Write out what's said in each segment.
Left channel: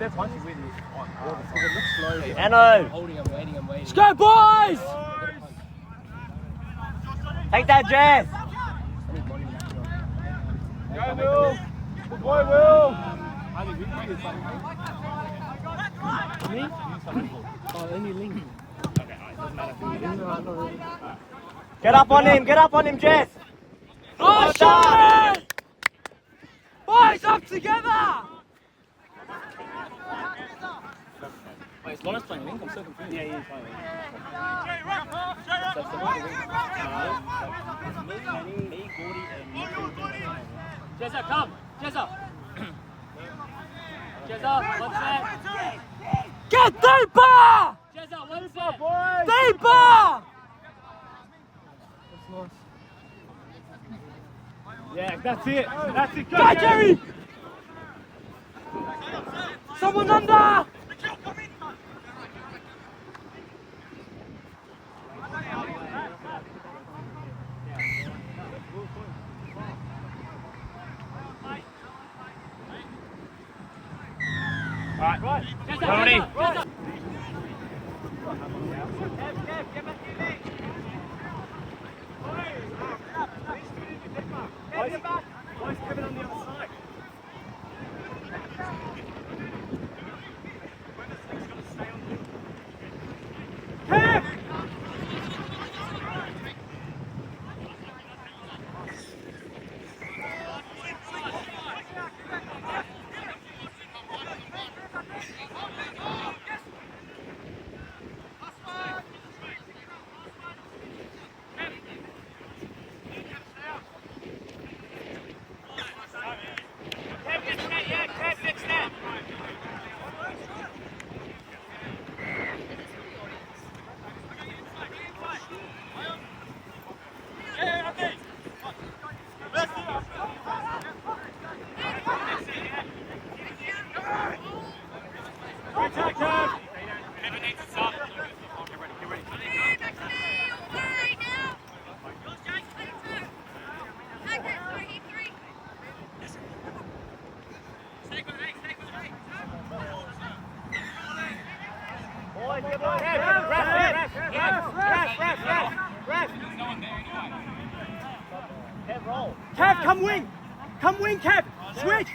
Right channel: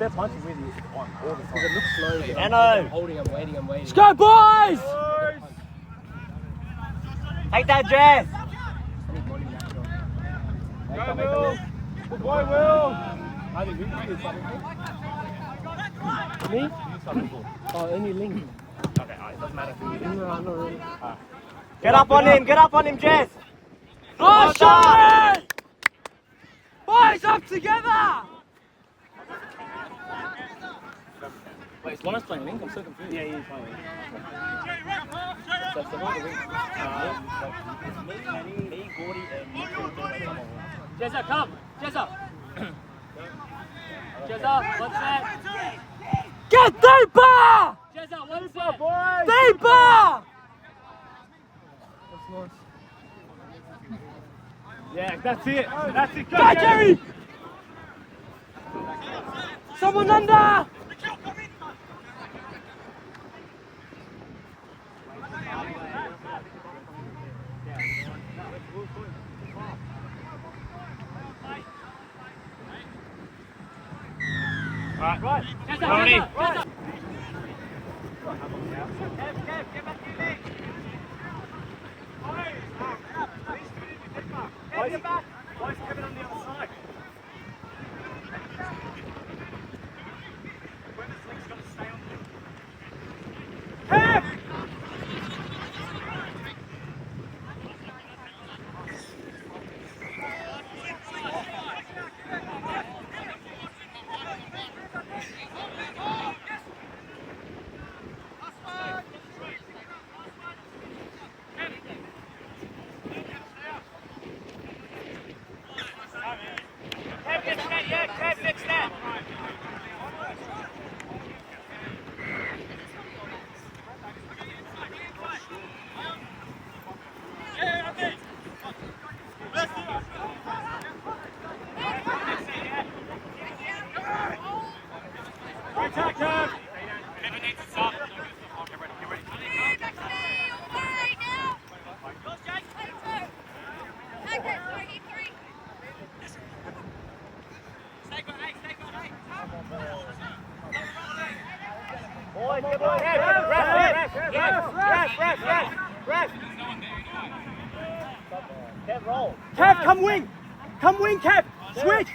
that's one thing really on all the time. It looks slow. Anno! Holding him, waiting. Let's go, boys! Take that, Jess! Good boy, Will! Me? Oh, only Link. Get up on him, Jess! Oh, shot! Boys, up together! Wait, is Lawrence playing Link? I'm so confused. Yeah, he's playing. So, what are the Wings? Me, Gordy, and... Jezza, come! Jezza! Jezza, one set! Get deeper! Jezza, one set! Boys! Deeper! That's nice. Yeah, that's it! That's it! Go, Jerry! Someone under! Right. Jezza, Tony. Jezza! Kev, get back in there. Why is Kevin on the other side? When this thing's going to stay on the... Kev! Kev, roll. Kev, come wing! Come wing, Kev! Switch!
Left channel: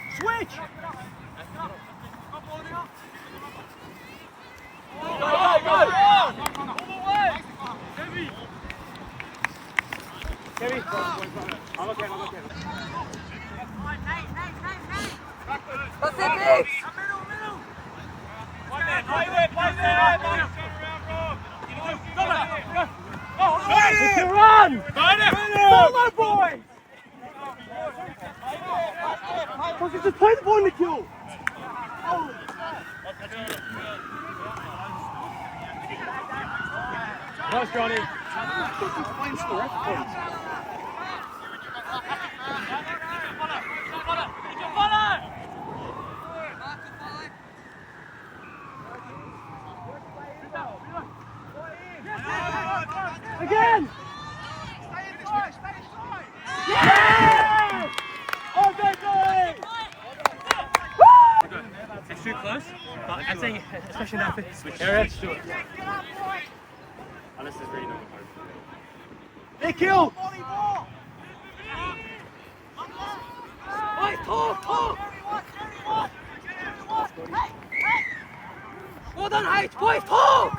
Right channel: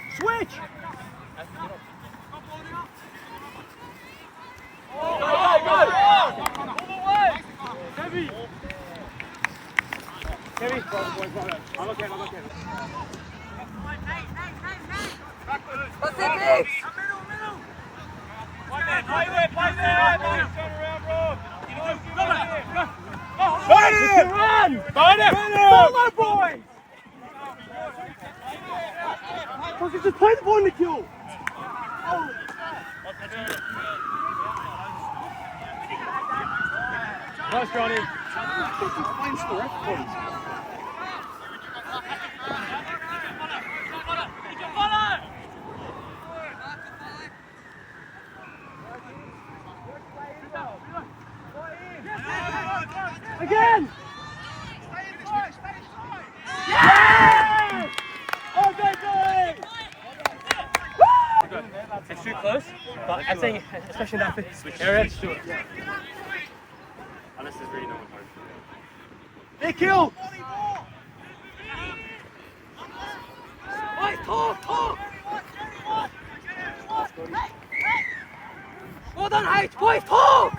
Kevin, I'm okay. That's it, Nick! Hey! Run! Follow, boys! Fucking just play the ball in the kill! Nice, Johnny. Again! Yeah! Oh, good boy! It's too close, but I'm saying, especially in that area, just do it. Unless there's really no one home. They kill! Boys, talk! Well done, H! Boys, talk!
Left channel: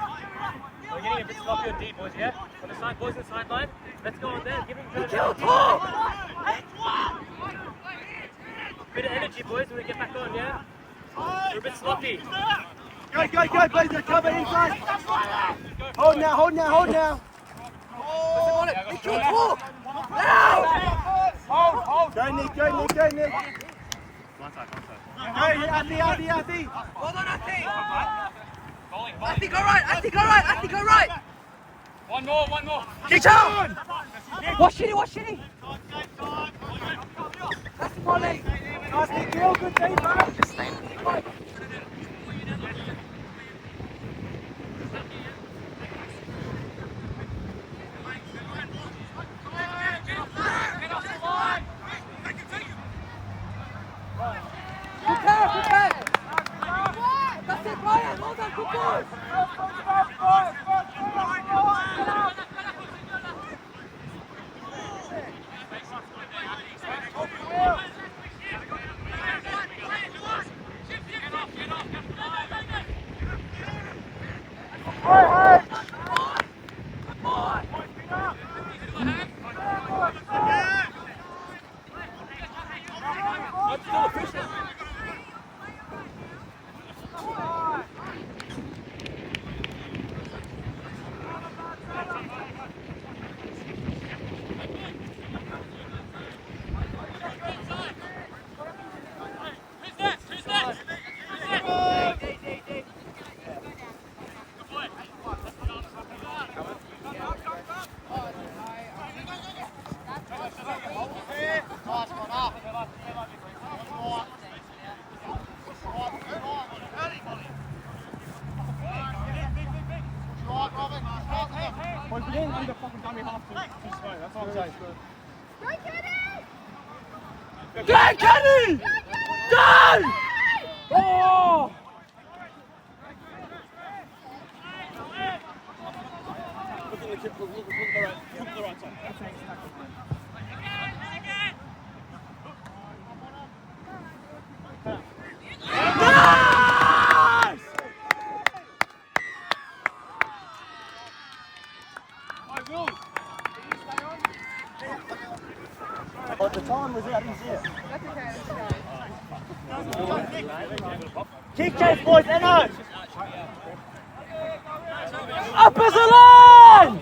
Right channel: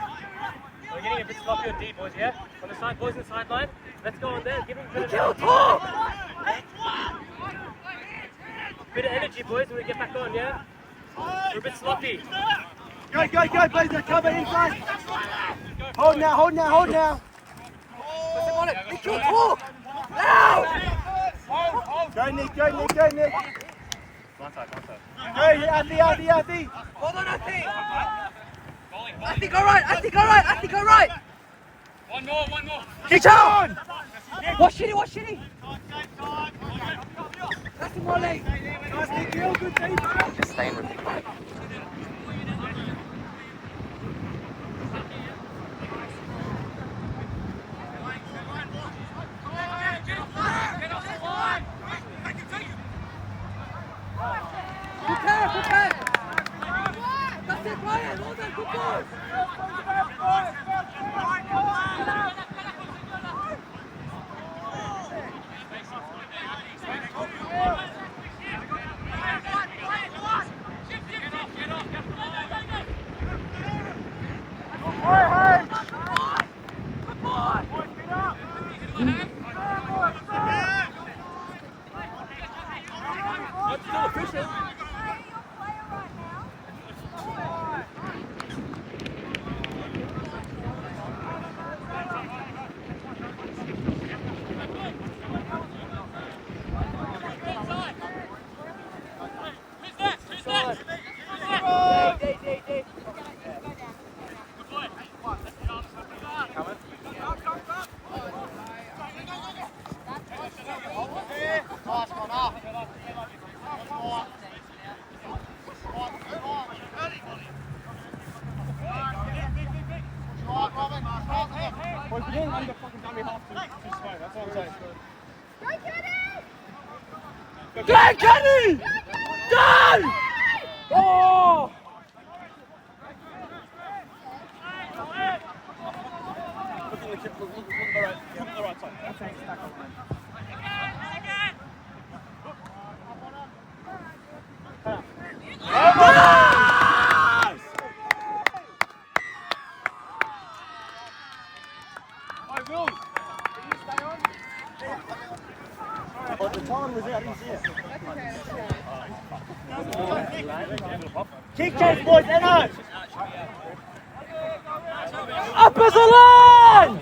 We're getting a bit sloppy on D, boys, yeah? On the side, boys on the sideline. Let's go on there, give him a bit of Kill, energy. talk! Bit of energy, boys, when we get back on, yeah? We're a bit sloppy. Go, Blazer, cover inside! Hold now! They kill, talk! Now! Go, Nick! One side. Go, Ati! Hold on, Ati! Ati, go right! One more. Kick on! Watch Shitty! That's the volley! Nice, Nick, good team, Just staying with me, mate. Good pass! That's it, Ryan. Well done, good ball. Go, Kenny! Go! Oh! Oh, the time was out, didn't see it. Kick chase, boys, Enno! Up as a line!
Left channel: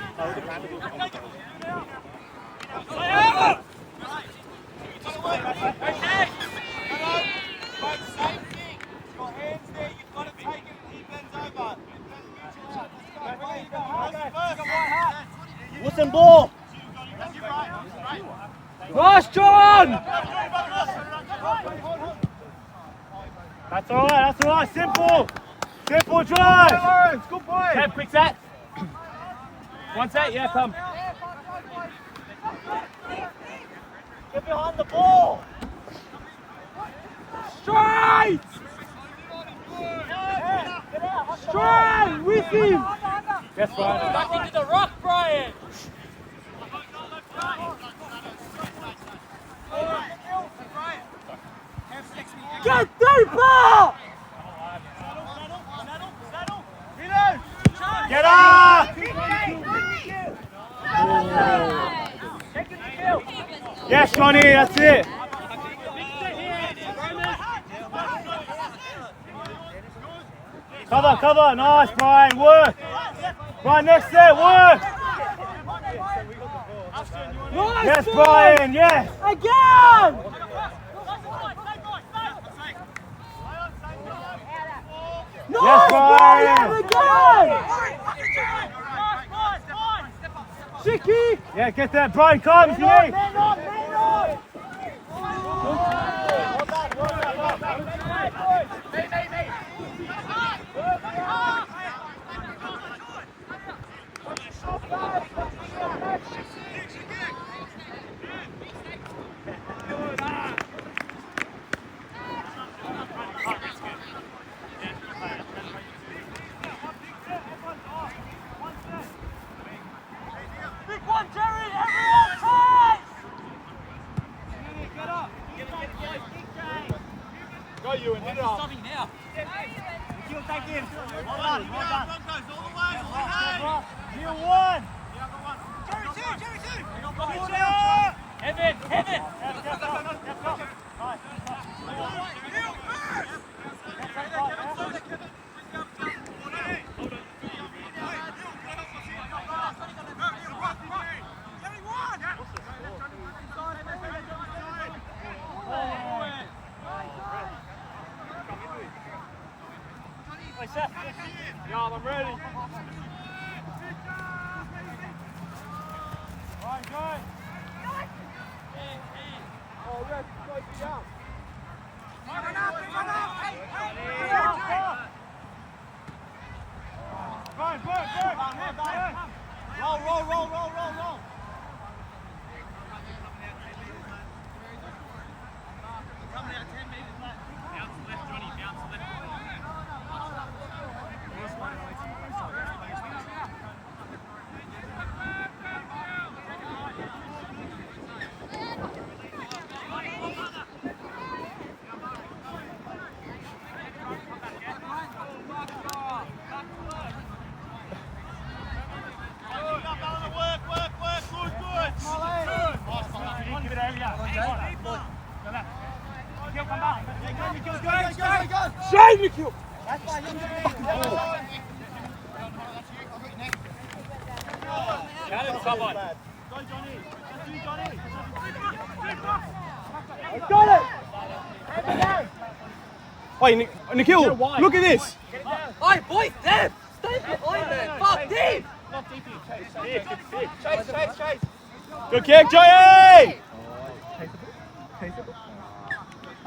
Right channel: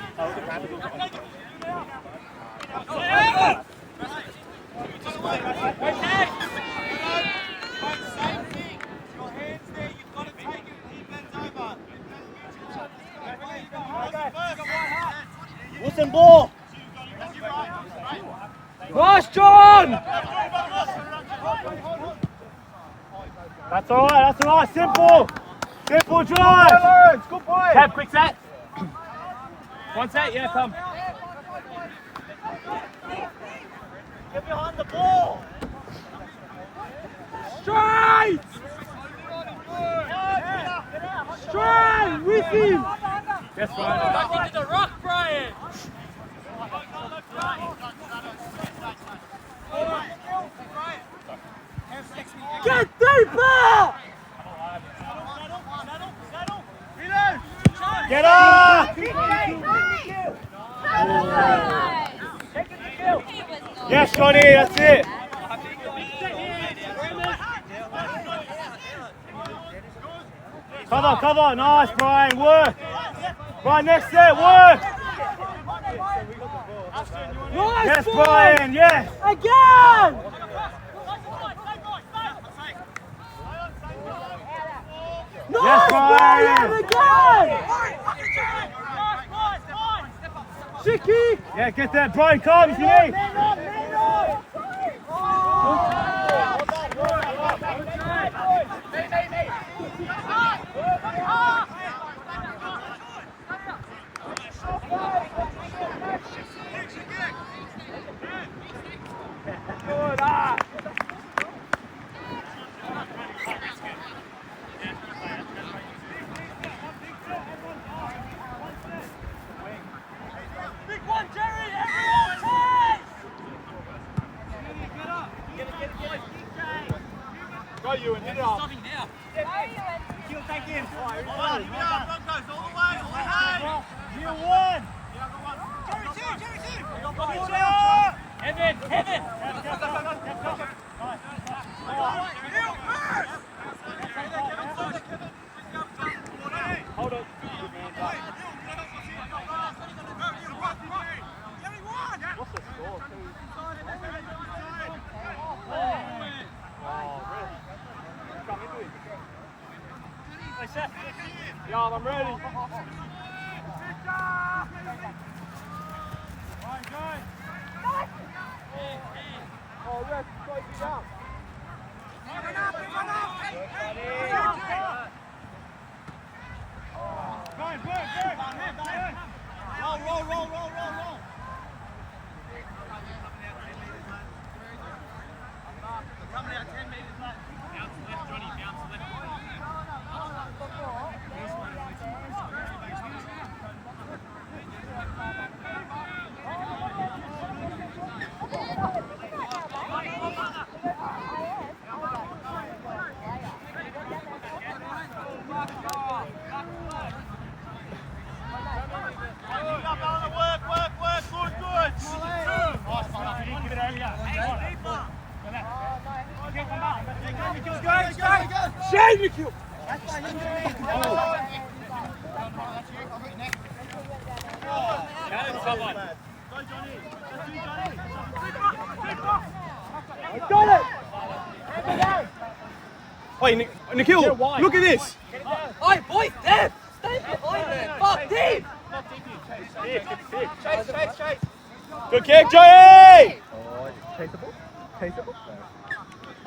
Wilson ball! Nice, John! That's alright, simple! Simple drive! Good boy. Tab, quick set. One set, yeah, come. Get behind the ball! Straight! Straight! With him! Yes, Brian. Back into the rock, Brian! Get deeper! Get up! Yes, Johnny, that's it. Cover, nice, Brian, work. Brian, next set, work. Nice, Yes, boy. Brian, yes. Again! Yes, Brian. Again! Chicky! Yeah, get that, Brian, come if you need. Go, Ewan, hit it off. Stopping now. You'll take him. Well done. Broncos, all the way, all the way. You won. Jerry two. Heaven. Yeah, I'm ready. Oh, Red, go down. Roll. Coming out 10 metres left. Bounce left, Johnny, bounce left. Hey, Nikhil! Challenge someone. Got it! Wait, Nikhil, look at this. Oi, boys, Dev! Stay behind them! Fuck, Dev! Chase. Good kick, Joey!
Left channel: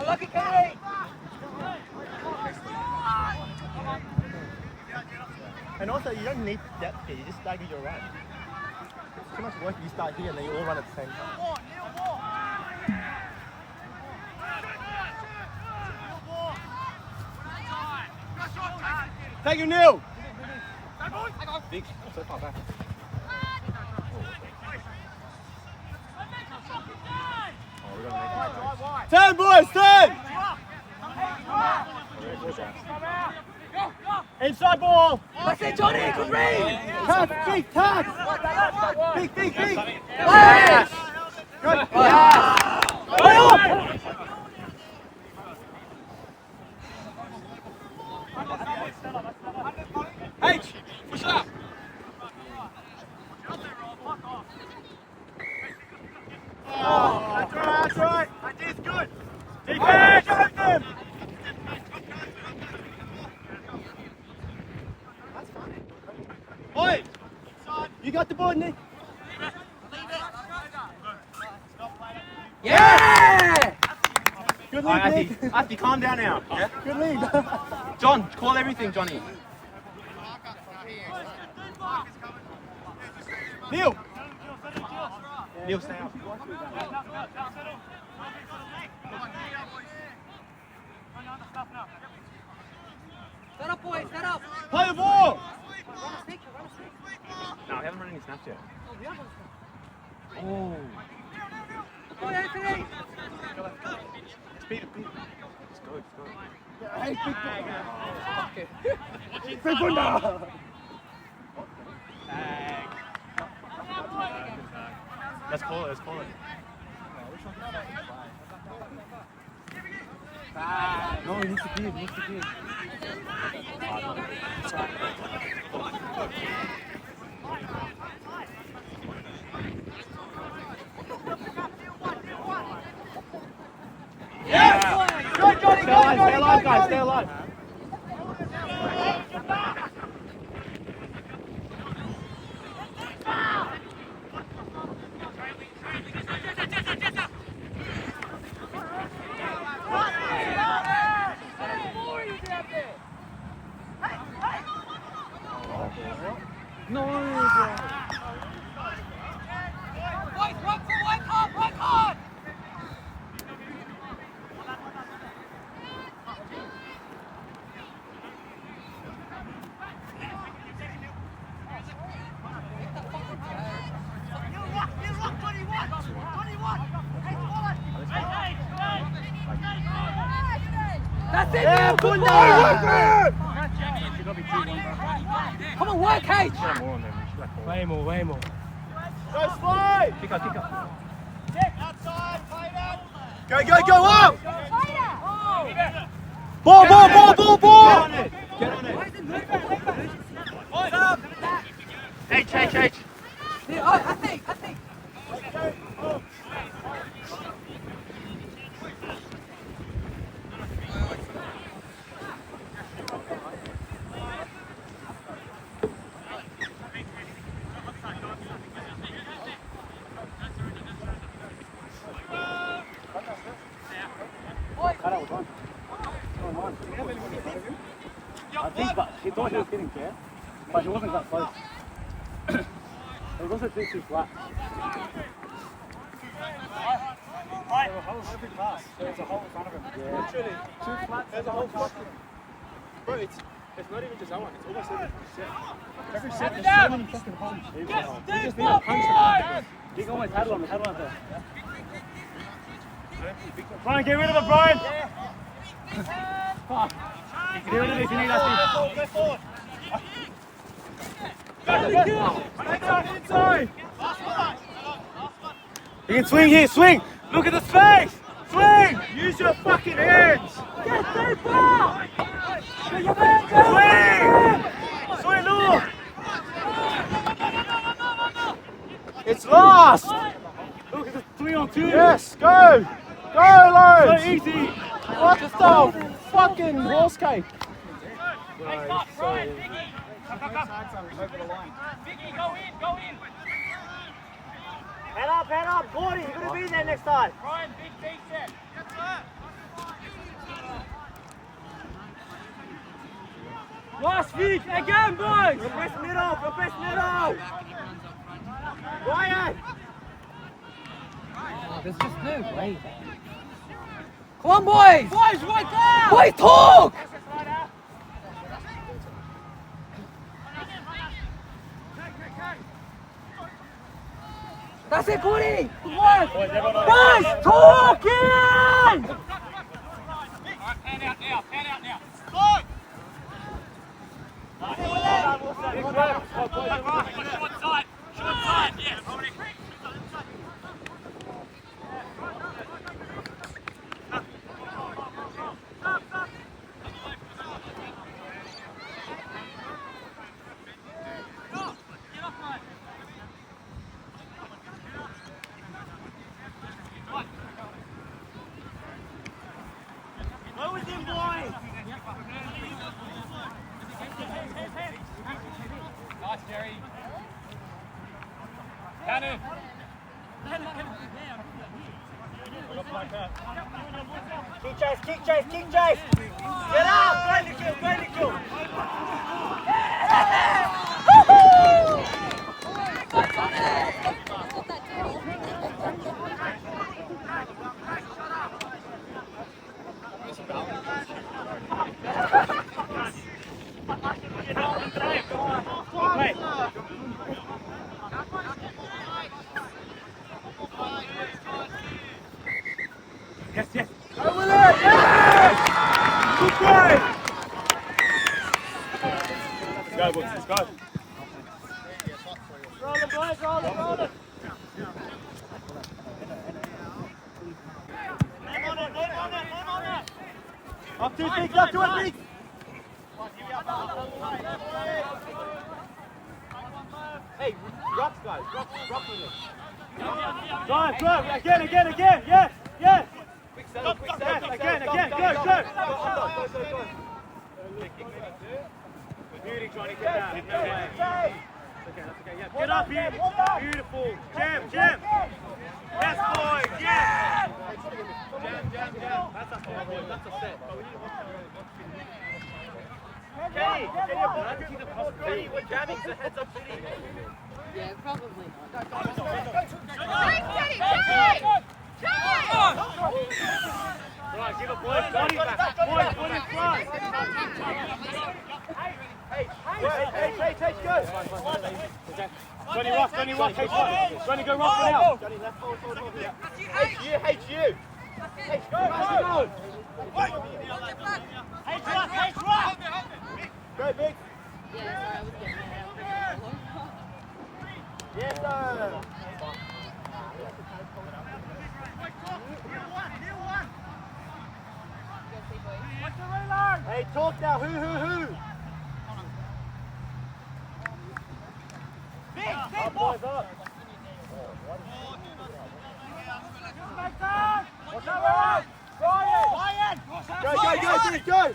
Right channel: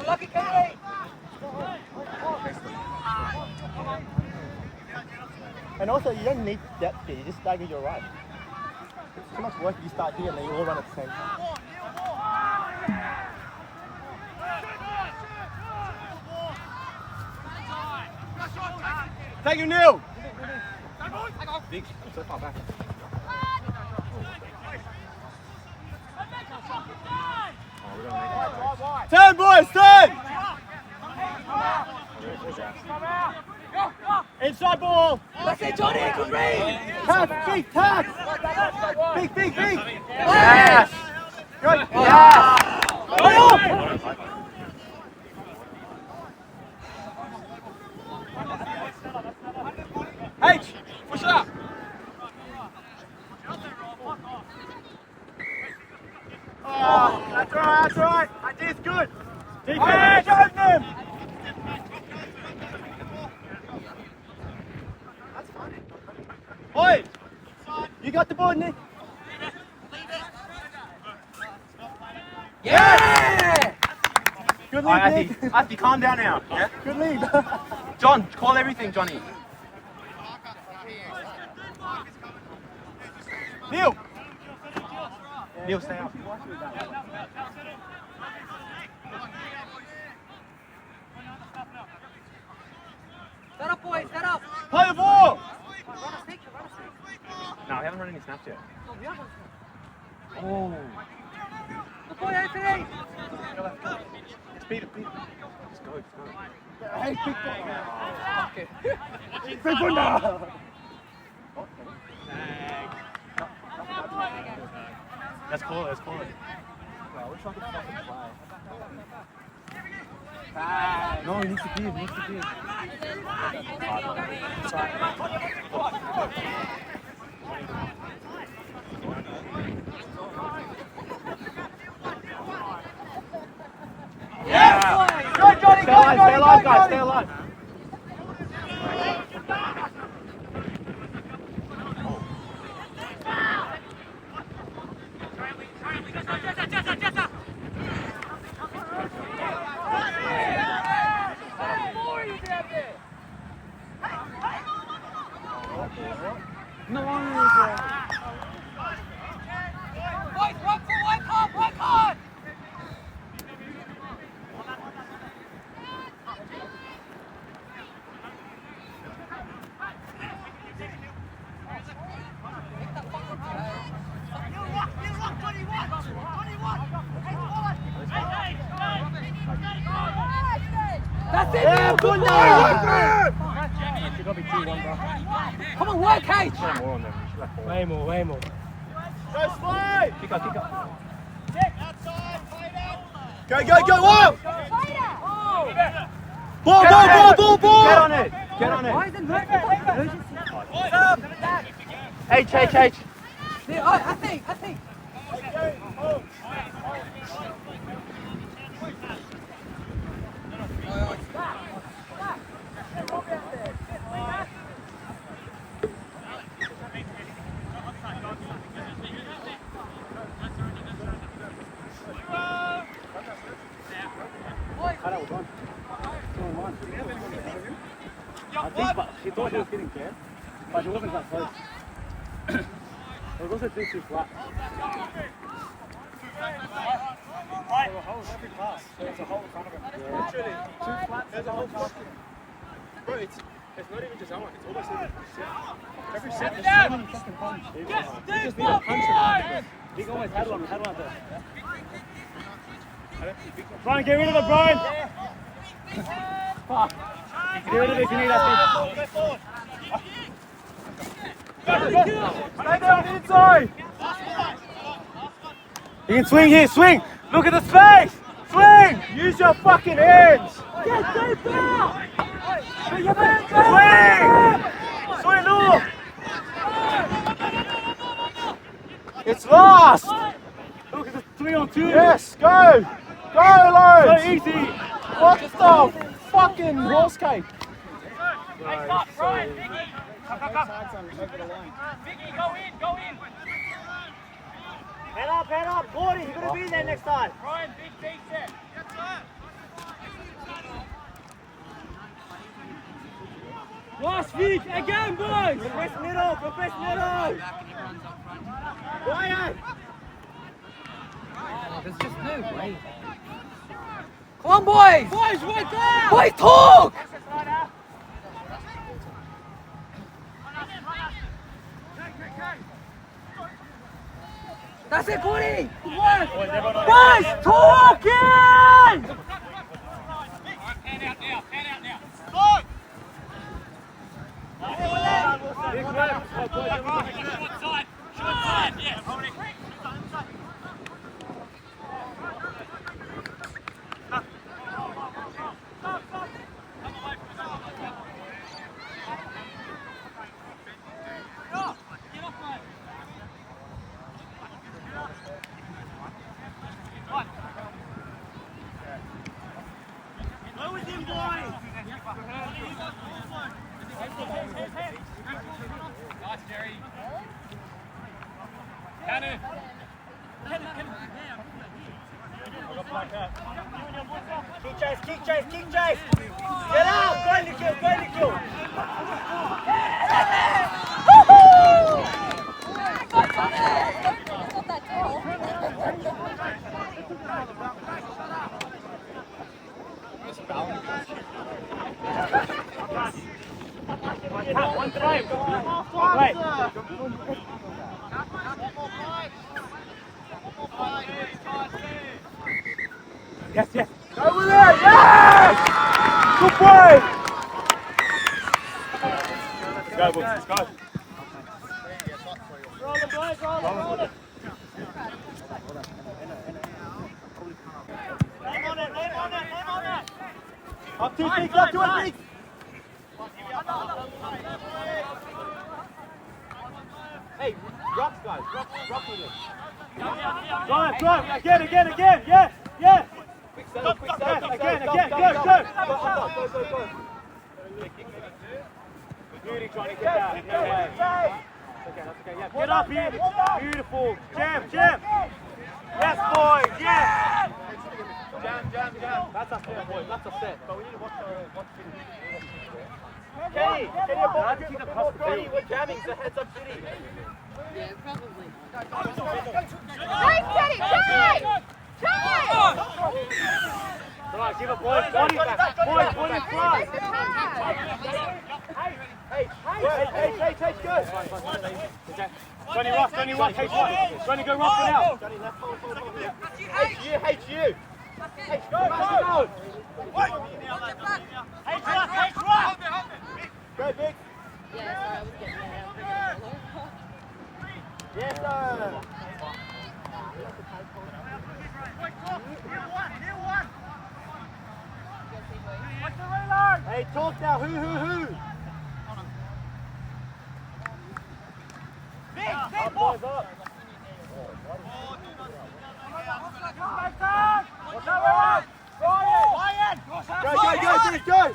Lucky Kenny! And also, you don't need depth here, you just start with your right. Too much work if you start here and then you all run at the same time. Thank you, Neil. Big, so far back. Turn, boys, turn! Inside ball! That's it, Johnny! Good read! Tag, big tag! Big! Yes! Good! H! Push it up! That's right! Idea's good! Defense! Show them! Oi! You got the ball, Nick? Yeah! Good lead, Nick. Asti, calm down now. Yeah? Good lead. John, call everything, Johnny. Neil! Neil, stay out. Set up, boys, set up! Play the ball! Run a snake, run a snake. No, we haven't run any snaps yet. Oh, we have one snake. Oh. Good boy, Anthony! Speed it, Let's go. Hey, big ball. Big ball now. Let's call it. No, he needs to give. Go, Johnny, stay alive, guys, stay alive. Boys, run for white card! That's it, Neil, good boy! Come on, work, H! Way more. Go slide! Kick up. Outside, play that. Go, up! Ball! Get on it. Why is it emergency? H. Yeah, I think. He thought he was getting there, but he wasn't that close. It was also too flat. Right. There's a hole in front of him. Literally. Too flat. There's a hole in front of him. Bro, it's not even just that one. It's almost like every second. He almost had one there. Trying to get rid of it, Brian. Fuck. Get rid of it if you need us. Stay down inside. You can swing here, swing! Look at the space! Swing! Use your fucking hands! It's last! Look, it's a 3-on-2. Yes, go! Go, Lawrence! So easy. What the fucking horse cake? Hey, stop, Ryan, Biggie. Come. Biggie, go in. Head up, Gordy, you're gonna be in there next time. Ryan, big set. Last week, again, boys. Press middle. Ryan! There's just no way. Come on, boys! Boys, right there! Boys, talk! That's it, Gordy! Boys, talking! Pan out now. Short side, yes. Nice, Jerry. Cannon. Keep chase! Get out! Go, Nikhil! Yes. Go with it! Yes! Good play! Go, boys, let's go. Roll it, boys, roll it! Up to it, big! Hey, drop, guys, drop with it. Drive, again, yes. Go. Beauty, Johnny, get down. Get up here. Beautiful. Jam. Yes, boys, yes. Jam. That's a set. But we need to watch Kenny, we're jamming, so heads up, Kenny. Yeah, probably not. Come on, give a boy body back. Boys, put in front. Hey, go! Johnny Ross, H1. Johnny, go Ross for now. Johnny, left forward. H you! Go! Go, big! Yes, sir! Hey, talk now, who? Big boys up! Go!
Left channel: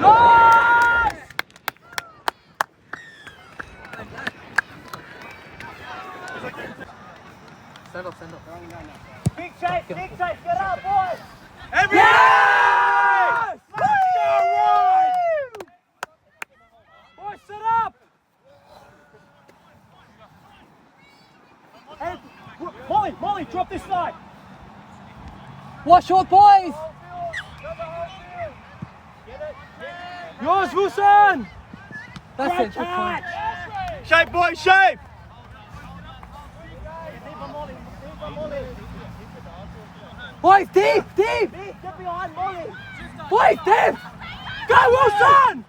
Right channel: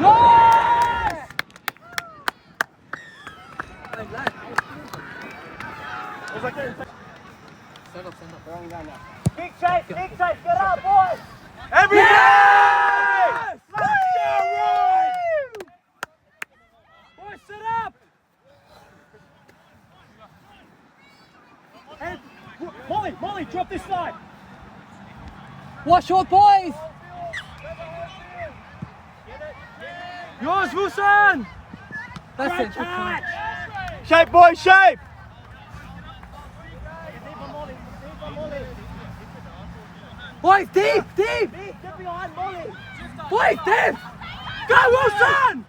Yes! Stand up. Big chase, get up, boys! Every Yes! Woo! Boys, sit up! Hey, Molly, drop this side. Watch your boys! Yours, Wilson. That's it, good point. Shape, boys, shape! Boys, deep! Get behind Molly! Boys, deep! Go, Wilson.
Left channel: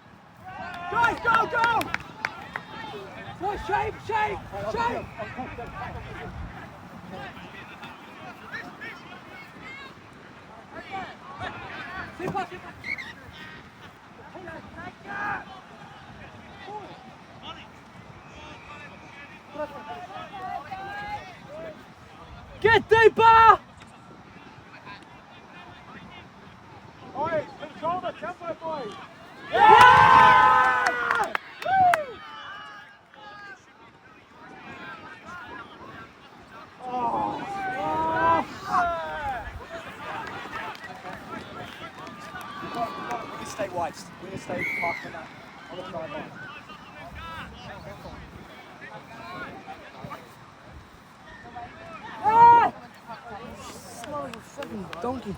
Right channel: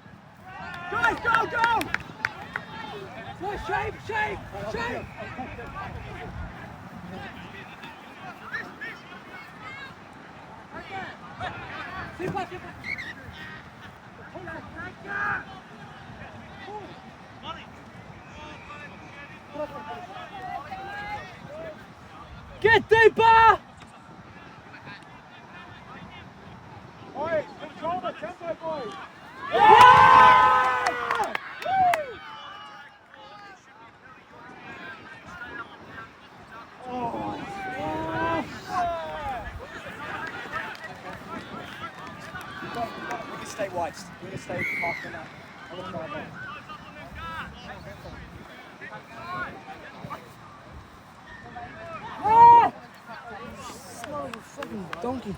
Guys, go. Boys, shape! Get deeper. Boys, control the tempo, boys! Yeah! We can stay wide. We can stay parked in that. On the sideline. Son of a fucking donkey.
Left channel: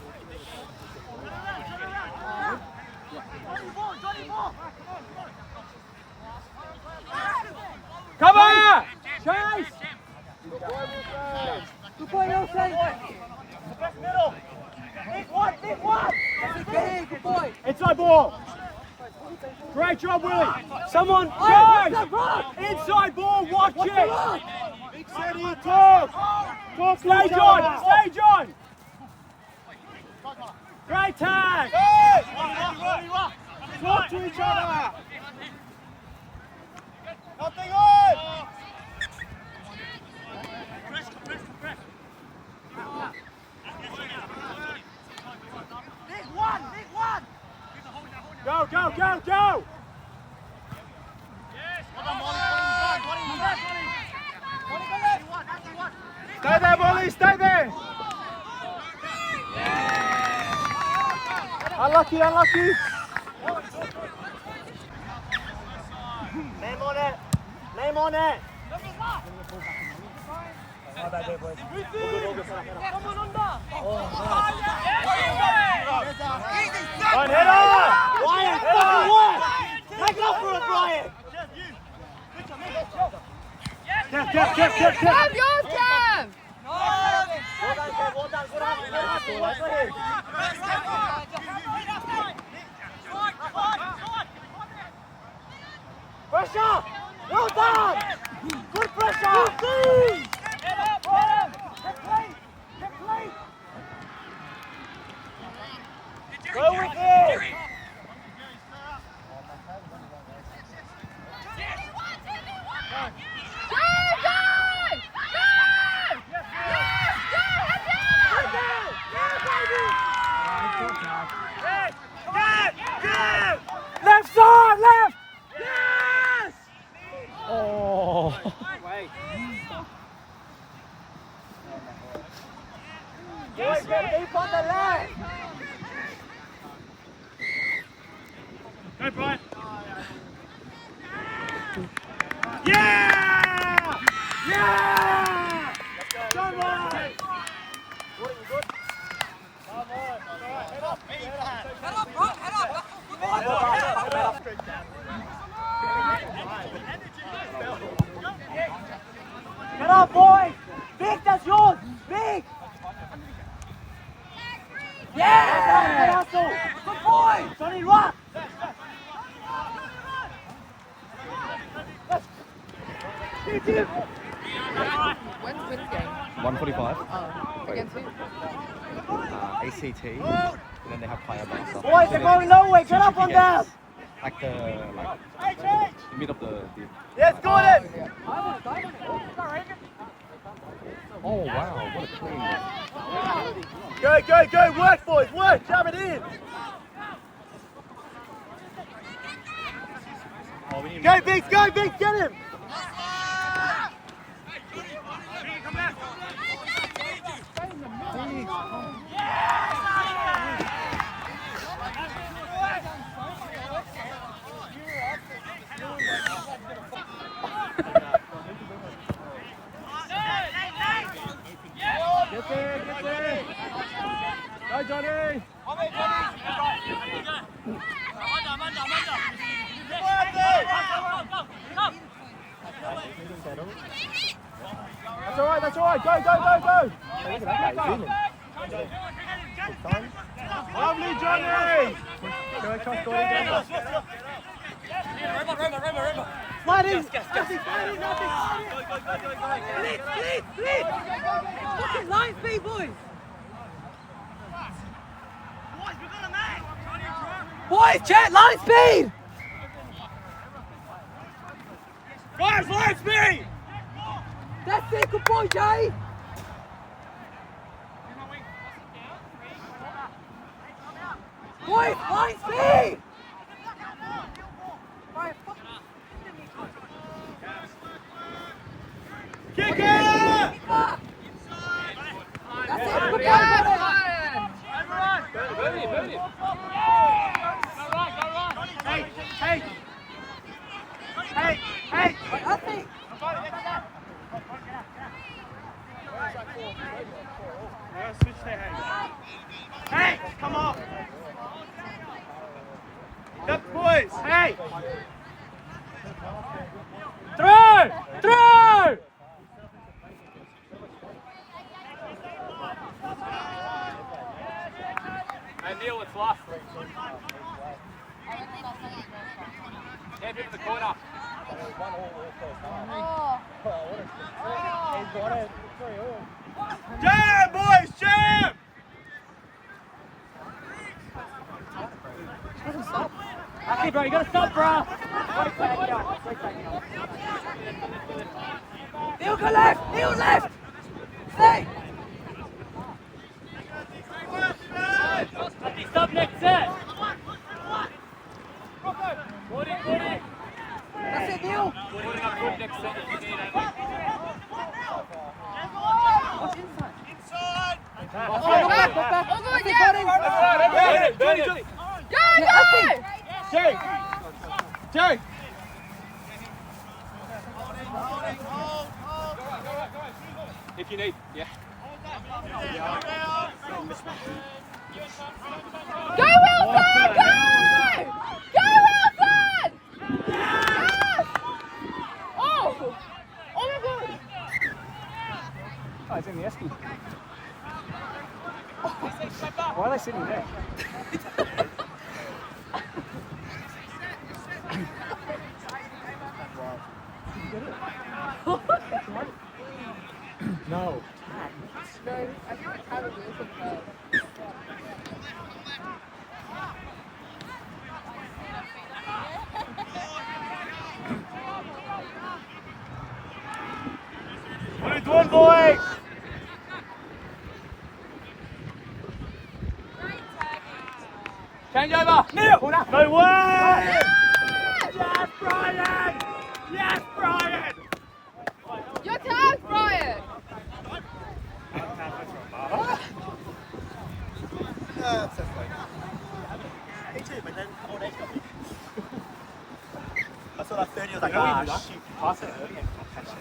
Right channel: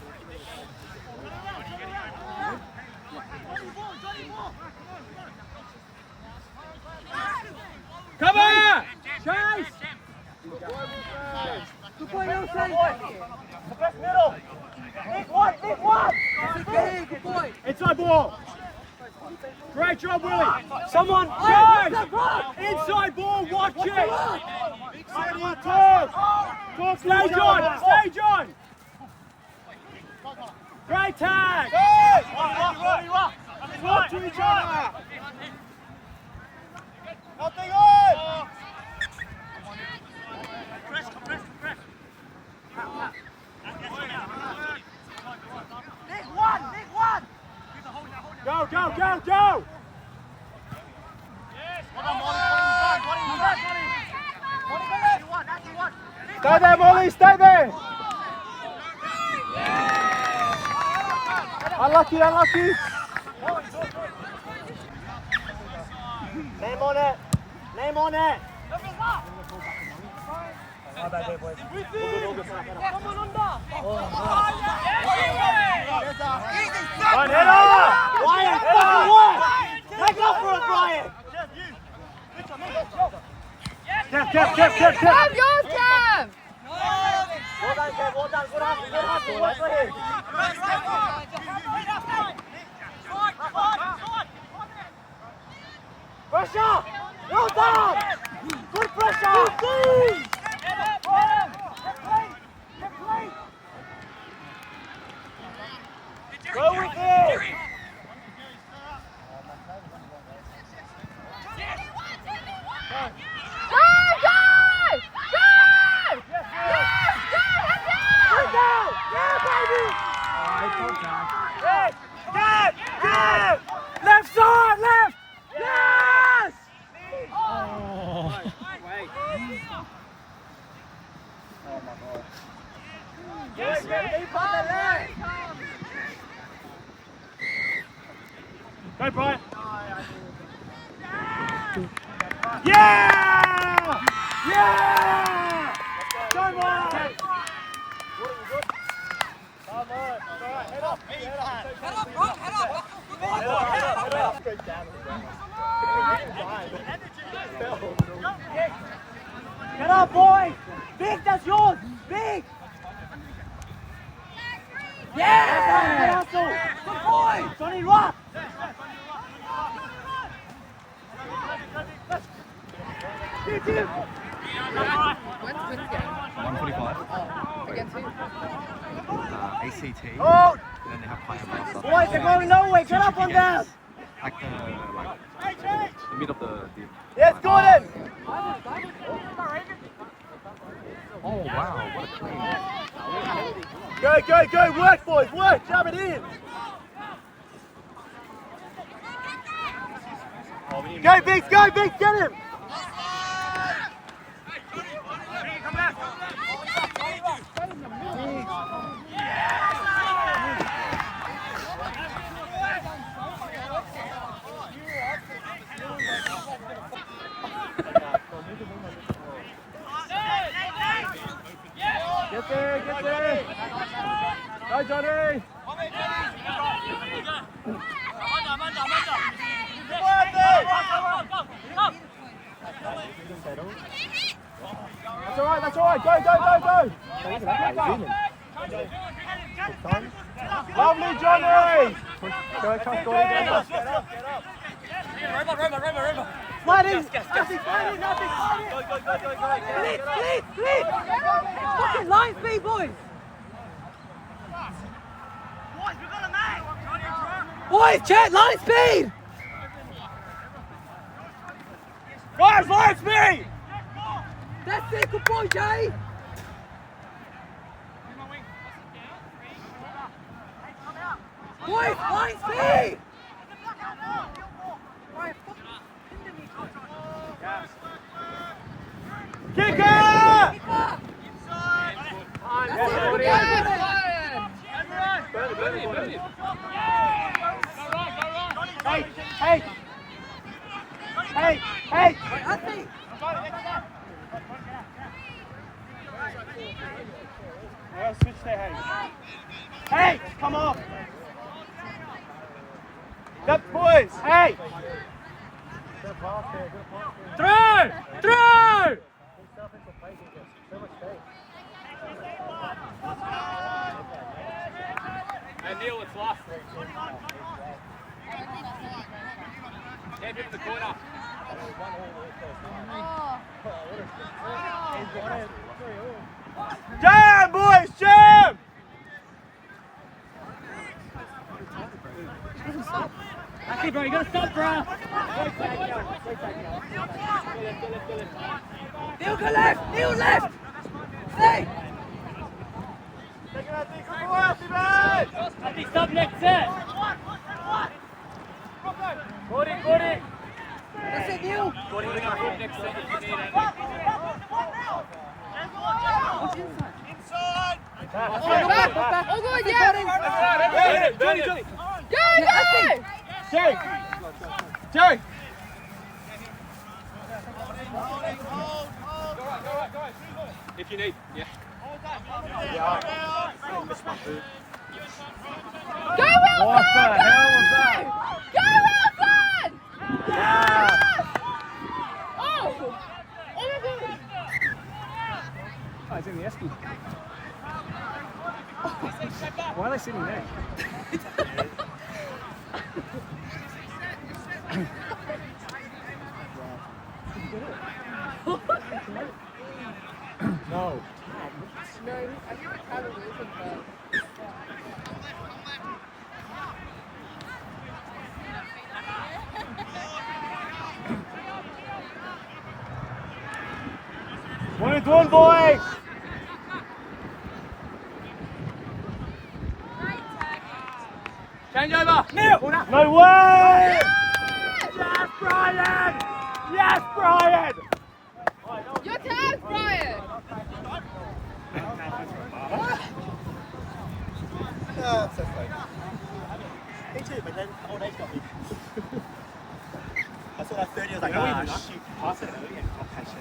Come on. Chase. Good boy, Nelson! The best middle! Big one! Good boy! Inside ball. Great job, Willie. Someone, guys. Inside ball, watch it. Stay, John. Great tag. Talk to each other. Nothing on! Big one! Go. Well done, Stay there, Molly, stay there. Unlucky. Name on it! One header! Brian, fucking work! Take up for it, Brian! Kev! Cam, yours, Cam! Well done, Kev, well done. Good hustle, work for him. Pressure! Well done! Good pressure! Go with it! Left side, left. Yes. Oh. Boys, get deep on the left! Go, Brian. Yeah! Come on! What are you good? Come on, alright, head up! Head up, bro, head up! Head up! Get up, boys! Big, that's yours! Big! Yeah! Good boy! Johnny, rock! When's the game? 1:45. Against who? ACT. And then they have player master. Boys, they're going nowhere! Get up on them! Like the mid of the. Yes, Gordon! Oh wow! What a clean. Go! Work, boys, work! Jab it in! Go, Beats, get him! Come back! Get there! Go, Johnny! That's all right, go! Lovely, Johnny! Slide in! Line speed, boys! Boys, we've got a man! Boys, chat, line speed! Guys, line speed! That's it, good boy, Jay! Boys, line speed! Kicker! That's it, good boy, Hey! That's it! Hey! Come on! Up, boys! Hey! Through! Hey Neil, it's lost. Head in the corner. Jam, boys! Jam! Okay, bro, you gotta stop, bro. Neil, go left! Neil, left! Hey! Stop next set. That's it, Neil! Next set if you need it. What's inside? Inside! Oh, good, yeah! Johnny! Jay! Jerry! If you need, yeah. Go Wilson! Go Wilson! Oh! Oh my God! Oh, it's in the Esky. Why are they sitting there? No. What are you doing, boys? Change over. Neil! No way! Yes, Brian! Yes, Brian! Your turn, Brian! That's so funny. Me too, but then old age got me. I saw that 30, I was like, ah, shit. Pass it early and I'll catch it.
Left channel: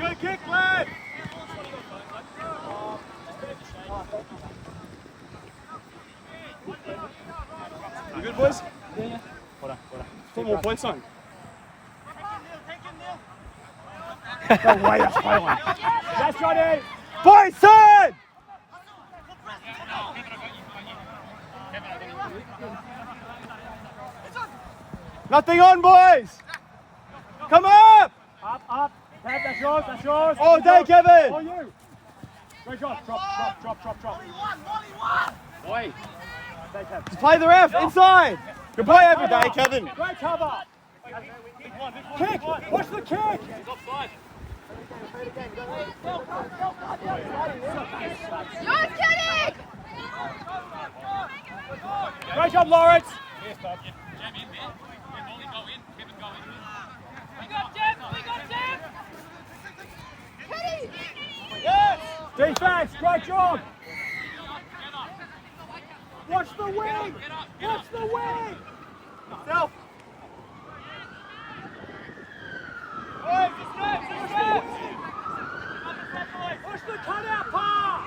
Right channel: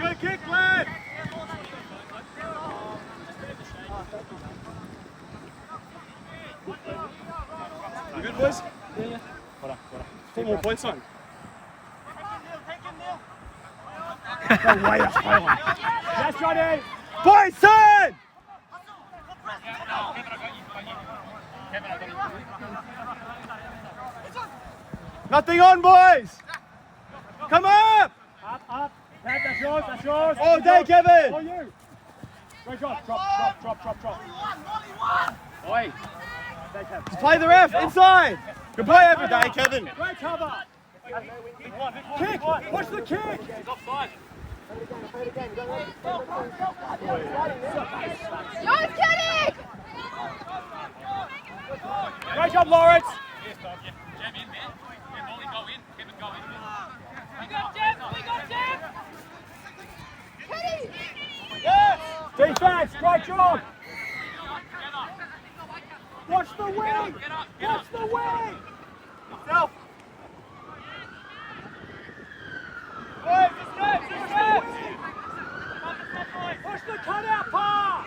Good kick, lad! You good, boys? Yeah. Put more points on. No way, that's fine. Yes, Johnny! Boys, turn! Nothing on, boys! Come up! Up. Pat, that's yours. All day, Kevin! Oh, you. Great job. Drop. Oi. Just play the ref, inside! Good play every day, Kevin! Great cover. Kick. Watch the kick. He's offside. Yours, Kenny! Defense, great job! Watch the wing! Watch the wing! Self. Push the cutout pass!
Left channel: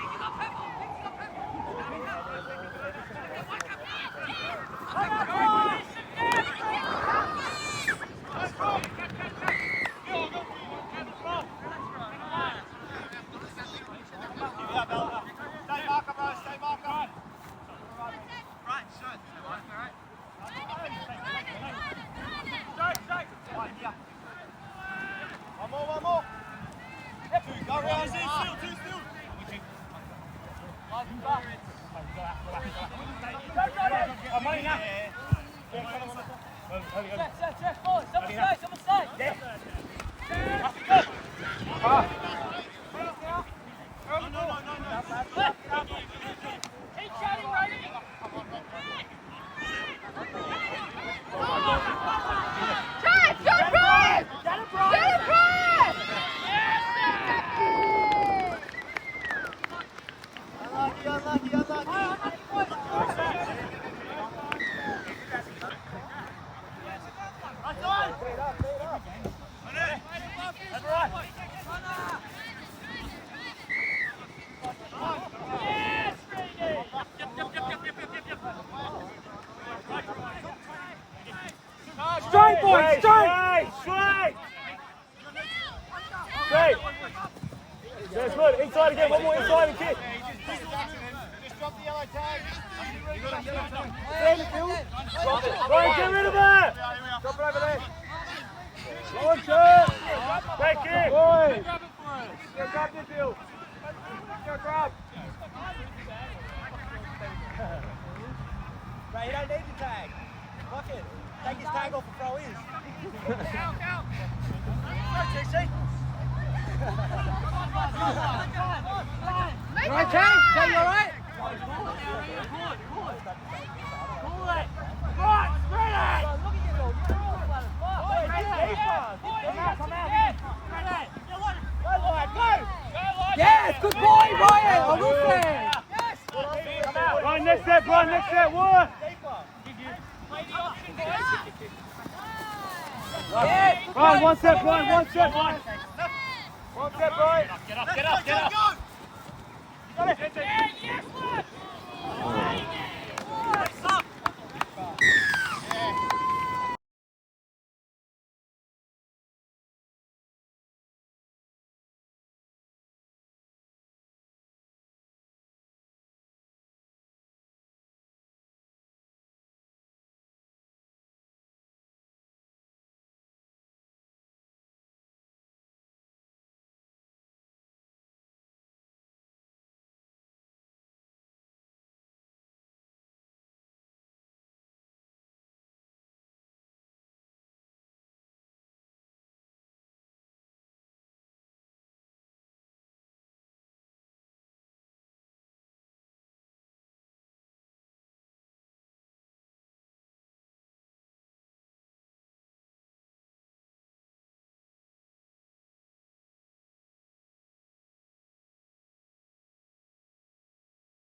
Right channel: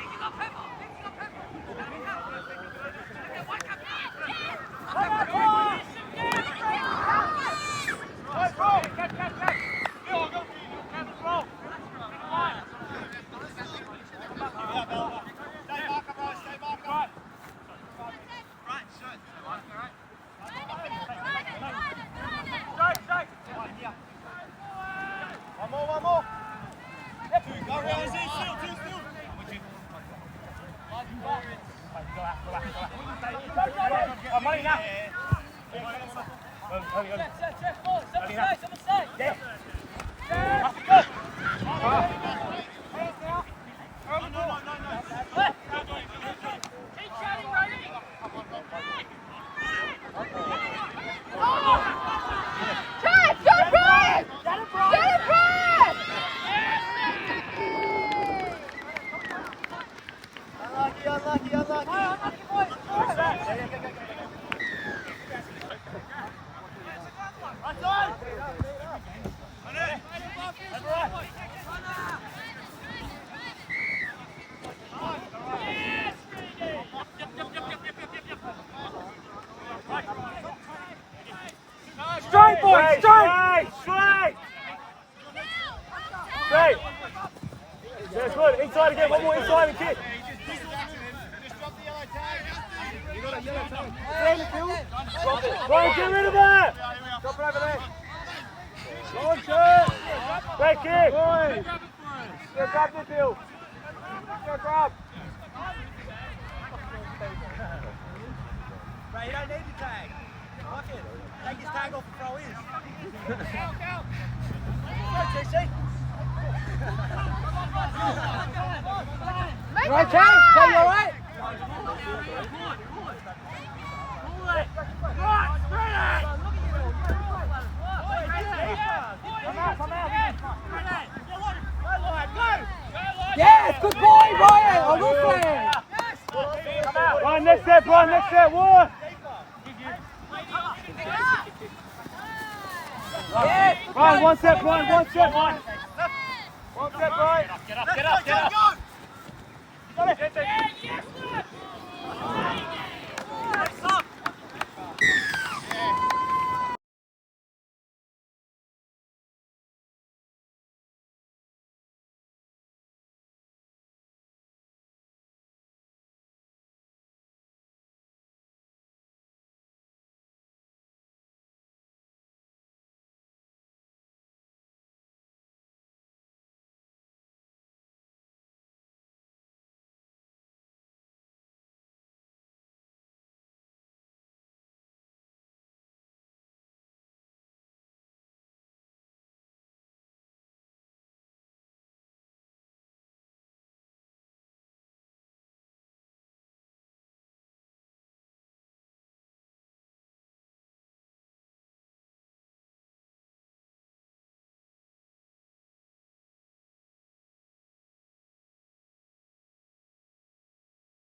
One more. Go around. Two still. Money now. Chad, go Brian! Get it, Brian! Straight, boys, straight! Straight! Straight! That's good. Inside again, one more inside and kick. Just drop the yellow tag. Right, get rid of that! Drop it over there. Go on, Chad. Great kick. Boys. Go grab this deal. Go grab. Right, you don't need the tag. Look it. Take his tag off and throw in. Right, Chad? Chad, you alright? Yes, good boy, Ryan. Oh, good play. Come out. Run, next step, run, next step. One. Yes, good Run, boy. one step, run, one step, run. One step, right. Get up. Go. Got it.